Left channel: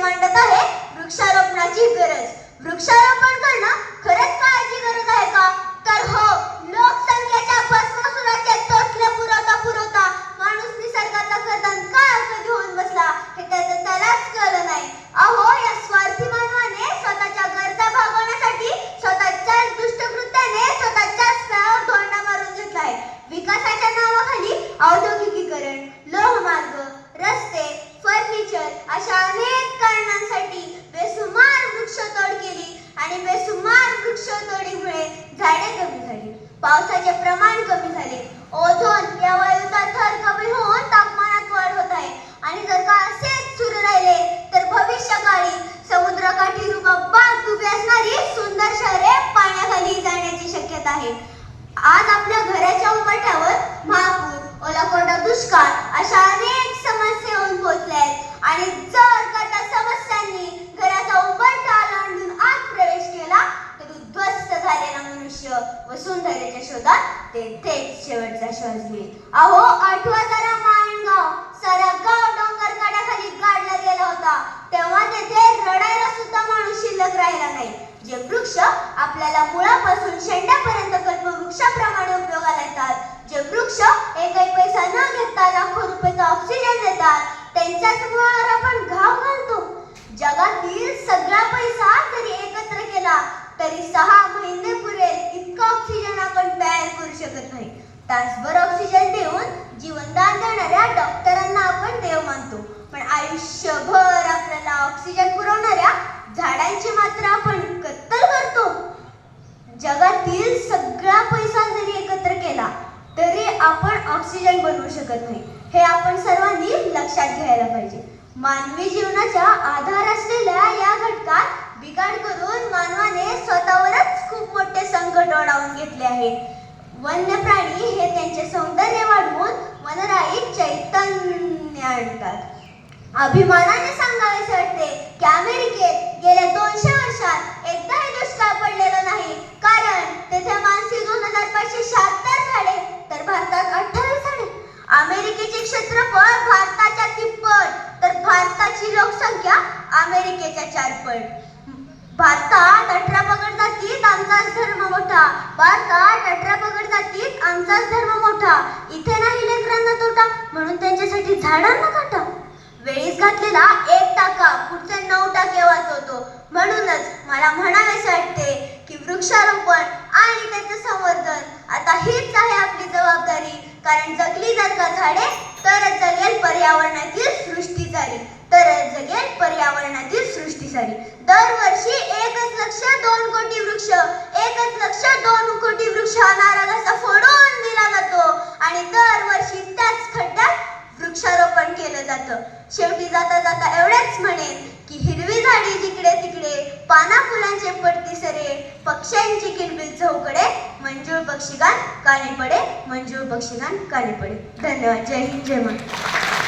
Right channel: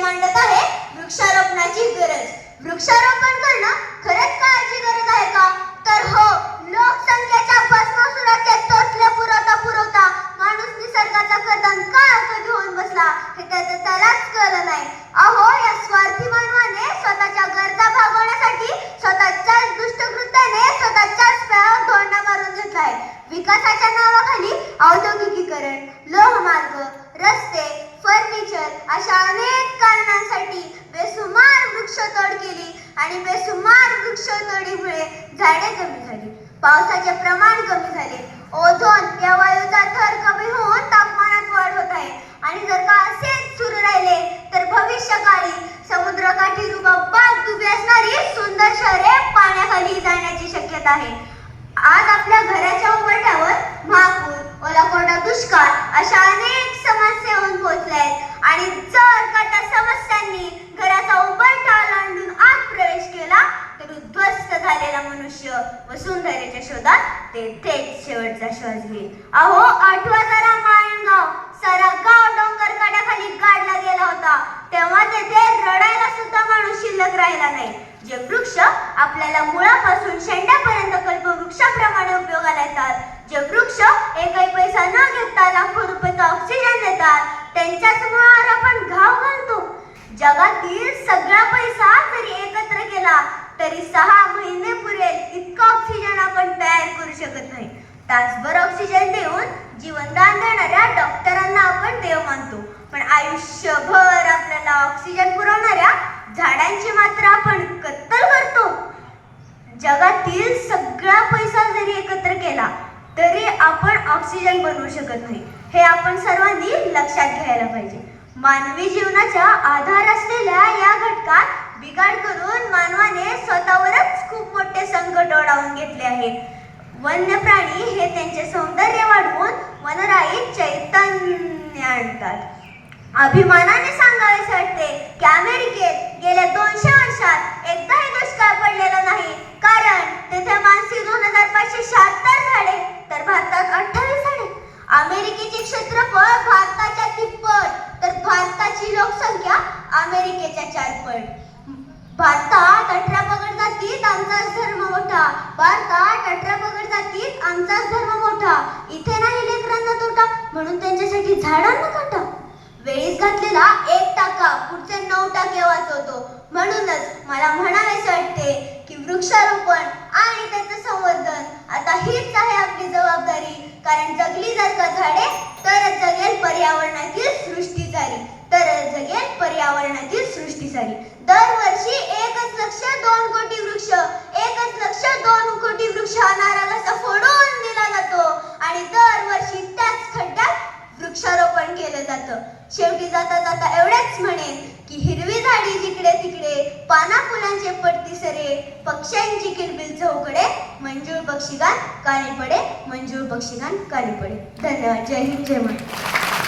मांडत आहे वृक्षारोपणाची गरज. वृक्षारोपण करणं खरंच काळाची गरज आहे का? तर हो, लोकसंख्येच्या भस्मासुराचे टोचले पुरवता माणूस निसर्गाचा कदन का कधी होऊन बसला हे त्यालाच कळलं नाही. अहो, या स्वार्थी मानवाने स्वतःच्या गरजा भागवण्यासाठी स्वतःच्याच दुष्टकृत्याने स्वतःच्याच पायावर धोंडा मारून घेतला आहे. विकासाच्या नावाखाली औद्योगिकीकरण, लोहमार्ग, रस्ते, फर्निचर अशा अनेक कारणांसाठी बेसुमार वृक्षतोड केली आणि बेसुमार वृक्षतोडीमुळे झाडे कमी झाली, पावसाचे प्रमाण कमी झाले, ओझोन या वायूचा थर कमी होऊन तापमानात वाढ होत आहे. आणि जर का असेच सुरू राहिले तर भविष्यकाळी समुद्रकाठी रुबाबात उभी असणारी सुंदर शहरे पाण्याखाली जाण्याची शक्यता आहे. आज आपल्या घराच्या उंबरठ्यावर महापूर, ओलाकोरडा दुष्काळ अशा अनेक समस्या येऊन पोहोचल्या आहेत. आणि जर का त्या समस्यांनी घराचा उंबरठा ओलांडून आत प्रवेश केला तर उद्ध्वस्त झालेला मनुष्य वसुंधरेच्या शोधात ते थेट शेवटचा श्वास घेईल. अहो, आठवा जरा माणगाव, सारा गाव डोंगर कड्याखाली गाडला गेला होता. तेव्हा तेथे रडायला सुद्धा माणूस शिल्लक राहिला नाही. जे वृक्ष आपल्याला मुळापासून शेंड्यापर्यंत कल्पवृक्षाप्रमाणे उपयोगाला येतात, जे वृक्ष एकही पैसा न घेता लाखो रुपयाचा ऑक्सिजन देतात, त्यांच्याच मुळावर आपण घाव घालतो. जगातील सगळा पैसा जरी एकत्र केला तरी 6 महिने पुरेल इतका ऑक्सिजन आपण तयार करू शकत नाही. तासभर ऑक्सिजन देऊन जीवनदान देणाऱ्या डॉक्टरांना आपण देव मानतो, पण आयुष्यभर आपल्याला ऑक्सिजन पुरवणाऱ्या झाडांची मात्र आपण कत्तल करतो. जगातील सगळा पैसा जरी एकत्र केला तरी आपण ऑक्सिजन बनवू शकत नाही. हे आपण सर्वांनी लक्षात घ्यायला पाहिजे. मानवी जीवनाचा आधार असलेल्या या घटकात बिघाड करून मानवाने स्वतःवरच खूप मोठे संकट ओढावून घेतले आहे. वन्य प्राणी हे त्यांचे सौंदर्य वाढवून वनराईत चैतन्य आणतात. अभिमानाने सांगावेसे वाटते की अमेरिकेत गेल्या 200 वर्षात एकदाही दुष्काळ पडलेला नाही, कारण तेथे मानसी 2576 झाडे तर भारतात 28 झाडे. अमेरिकेचे क्षेत्रफळ भारताच्या तिप्पट तर भारताची लोकसंख्या अमेरिकेच्या 4 पट. भारतात 18 पगड जातीत आमचाच धर्म मोठा, भारतात 18 पगड जातीत आमचाच धर्म मोठा. इथे नाही लेकरांना तोटा म्हणून त्यांच्यासाठी झाडांना काटा. वेळीच घातलेला 1 टाका पुढचे 9 टाके वाचवतो. म्हणूनच मला म्हणावेसे वाटते की वृक्षारोपण आणि त्याचं संवर्धन आता हीच आहे आपली जबाबदारी. कारण जगली जर का झाडे तरच जगेल पर्यावरणातील सृष्टी सारी, तरच जगेल पर्यावरणातील सृष्टी सारी. दरवर्षी 1,02 कोटी वृक्ष, 1,02 कोटी वृक्ष हा नारा कसा फोडून दिला जातो आणि दरवर्षी त्याच खड्ड्यात वृक्षारोपण केलं जातं. शेवटी जाता जाता एवढेच म्हणेन की हिरवी झाडी जिकडे तिकडे, पाना फुलांचे पडती सरे, पक्ष्यांची किलबिल चौकडे, मंजूळ पक्षीगान काने पडे, मंजूळ पक्षीगान काने पडे. धन्यवाद. जय हिंद, जय महाराष्ट्र.